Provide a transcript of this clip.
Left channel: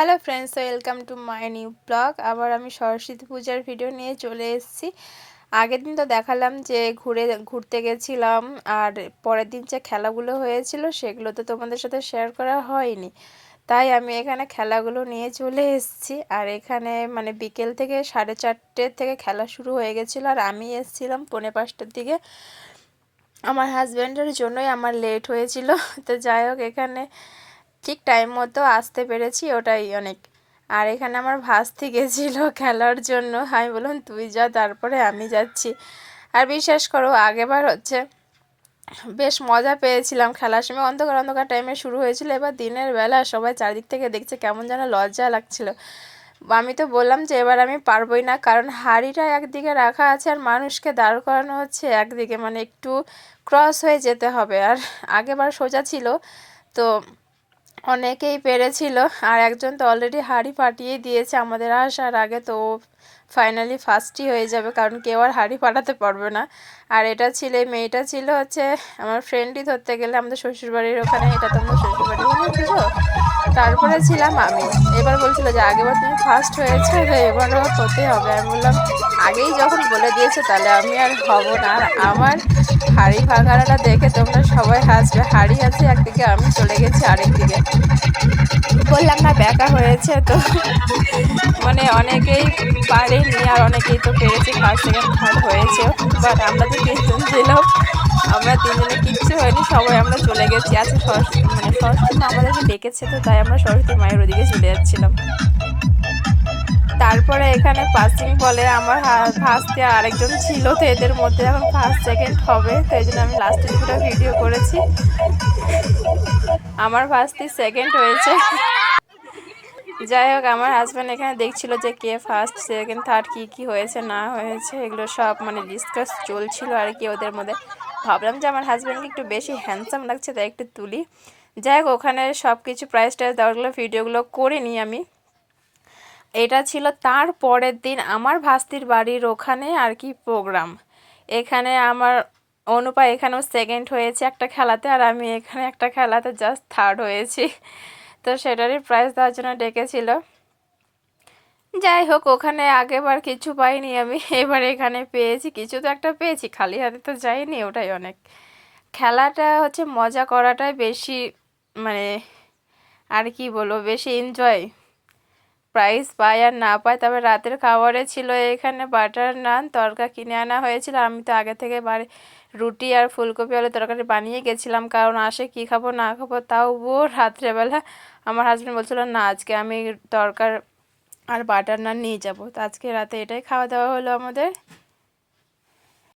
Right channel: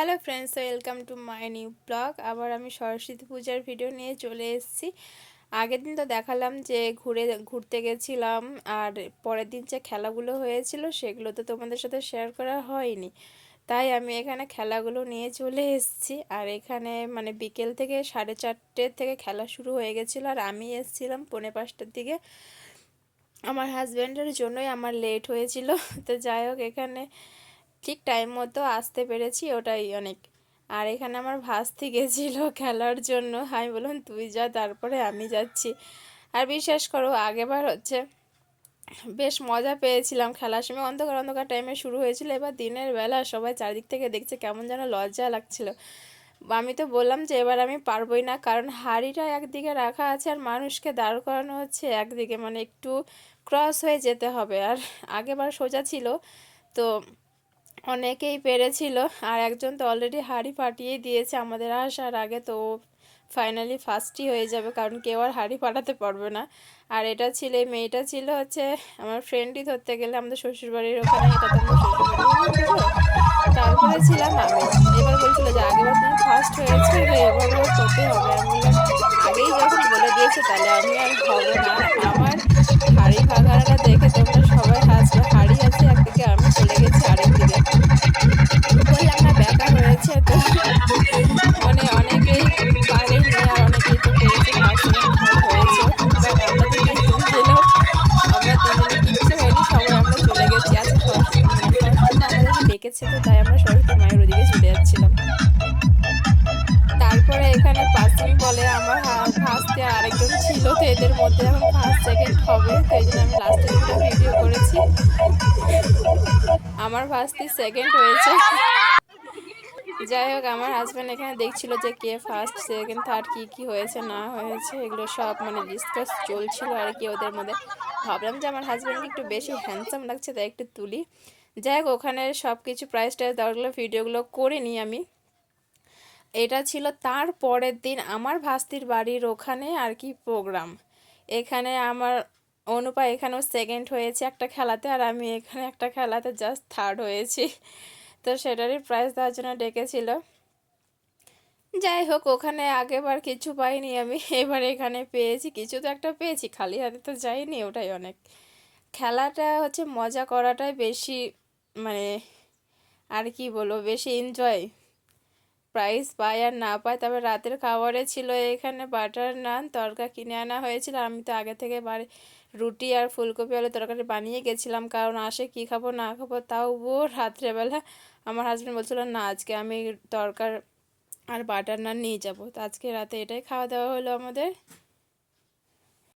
Hello friends welcome to my new blog আবার আমি সরস্বতী পূজার ভিডিও নিয়ে চলে এসেছি। আগের দিন তো দেখালাম যে ঘুরে, ঘুরতে গেছিলাম, আর পরের দিন যে খেলাগুলো হয়েছিল সেগুলো তো তোমাদের সাথে শেয়ার করা হয়নি। তাই আমি এখানে খেলাগুলো নিয়ে চলে এসেছি, আর এখানে মানে বিকেল থেকে সাড়ে চারটে থেকে খেলা শুরু হয়ে গেছিল, আর আমি এসেছিলাম পৌনে পাঁচটার দিকে। আমার হাজব্যান্ডের জন্যই আমার লেট হয়েছিল, তো যাই হোক এখানে ঠিক টাইম মতো আসতে পেরেছি, ওটাই অনেক। আর এখানে আমার ভাস্তি গেছিল খেলার জন্য। আমি বললাম, তুই যা, তারপরে আমি যাচ্ছি। আর বিশ্বাস করো আগেবার হচ্ছে বেশ মজা পেয়েছিলাম খেলার সময়। অন্ধকার অন্ধকার টাইমে শুরু হয়েছিল। এবার দিনের বেলা সবাই চারিদিক থেকে দেখছে কেমন যেন লজ্জা লাগছিল। আমি তো বললাম যে, এবার আমি পারবোই না। কারণ হাড়িটা একদিকে রাখা আছে আর মানুষকে দাঁড় করানো হচ্ছে একদিকে। মানে একটু ক্রস হয়ে যেতে হবে। আর আগেবার সোজা ছিল, তো অনেকেই পেরেছিল। আর একজন তো অলরেডি হাড়ি ফাটিয়ে দিয়েছে আমাদের আসার আগে তো ফাইনালি ফার্স্টই হয়ে যাবে, কারণ কেউ আর হাড়ি ফাটাতে পারবে না। আর এটা ছিল, এই মেয়েটা ছিল হচ্ছে আমার ফ্রেন্ডই ধরতে গেলে আমাদের শ্বশুরবাড়ির ওখানে, এটা তো তারপরে ছিলাম আমি। এবার বলছিল যে আগেবার তুমি ফার্স্ট হয়েছে এবারও করতে হবে। আমি বললাম, আগেই যখন বলে দিয়েছে তাহলে আমি আর হব না। আমার হাড়ি ভাগাটা দেখে তোমরা সবাই হাসবে, হাড়ি ডেকেছে তো তাই আমরা সরস্বতী মায়ের ওদিকে চলে যাচ্ছিলাম। তারপরে এখানে পাসিং বলে আমার ফার্স্টে আরেকজন ছিল তো এদের মধ্যে এখন ফার্স্ট, সেকেন্ড হবে, তাই জন্য আমি লাস্টে ভিডিও করেছি। আমার ফার্স্টে সেকেন্ড হয়েছে। যাই হোক, আমার হাজব্যান্ড এখানে দেখছিল যে কে ফার্স্ট সেকেন্ড থার্ড কী কী হয়েছে, না হয়েছে, এগুলো সব মানে ডিসকাস চলছিল আর কি ওদের মধ্যে। ভাবলাম যে আমার হাজব্যান্ডকে একটু বেশি হ্যান্ডসাম লাগছে, তাই একটু তুলি। যাই হোক, ওখানে সব কিছু প্রাইস টাইস দেওয়াগুলো ভিডিওগুলো করে নিই আমি। এটা ছিল তার পরের দিন আমার ভাস্তির বাড়ির ওখানে আর কি প্রোগ্রাম এখানে আমার অনুপা এখানেও সেকেন্ড হয়েছে একটা খেলাতে আর আমি এখানে একটা খেলাতে জাস্ট থার্ড হয়েছি। তো সেটারই প্রাইজ দেওয়ার জন্য ডেকেছিল। যাই হোক, ওখানে আগেবার কিছু পাইনি আমি, এবার এখানে পেয়েছি। কিছু তো একটা পেয়েছি, খালি হাতে তো যাইনি ওটাই অনেক। খেলাটা হচ্ছে মজা করাটাই বেশি মানে আর কি বলব, বেশি এনজয় প্রাইস পায় আর না পায় তবে রাতের খাবারে ছিল এখানে বাটার নান তরকা কিনে আনা হয়েছিল। আমি তো আগে থেকে বাড়ি রুটি আর ফুলকপি আলু তরকারি বানিয়ে গেছিলাম। কারণ আসে কি খাব, না খাব, তাও রাত্রেবেলা আমার হাজব্যান্ড বলছিল, না, আজকে আমি তরকার আর বাটার নান নিয়ে যাব। তো আজকে রাতে এটাই খাওয়া দাওয়া হলো আমাদের।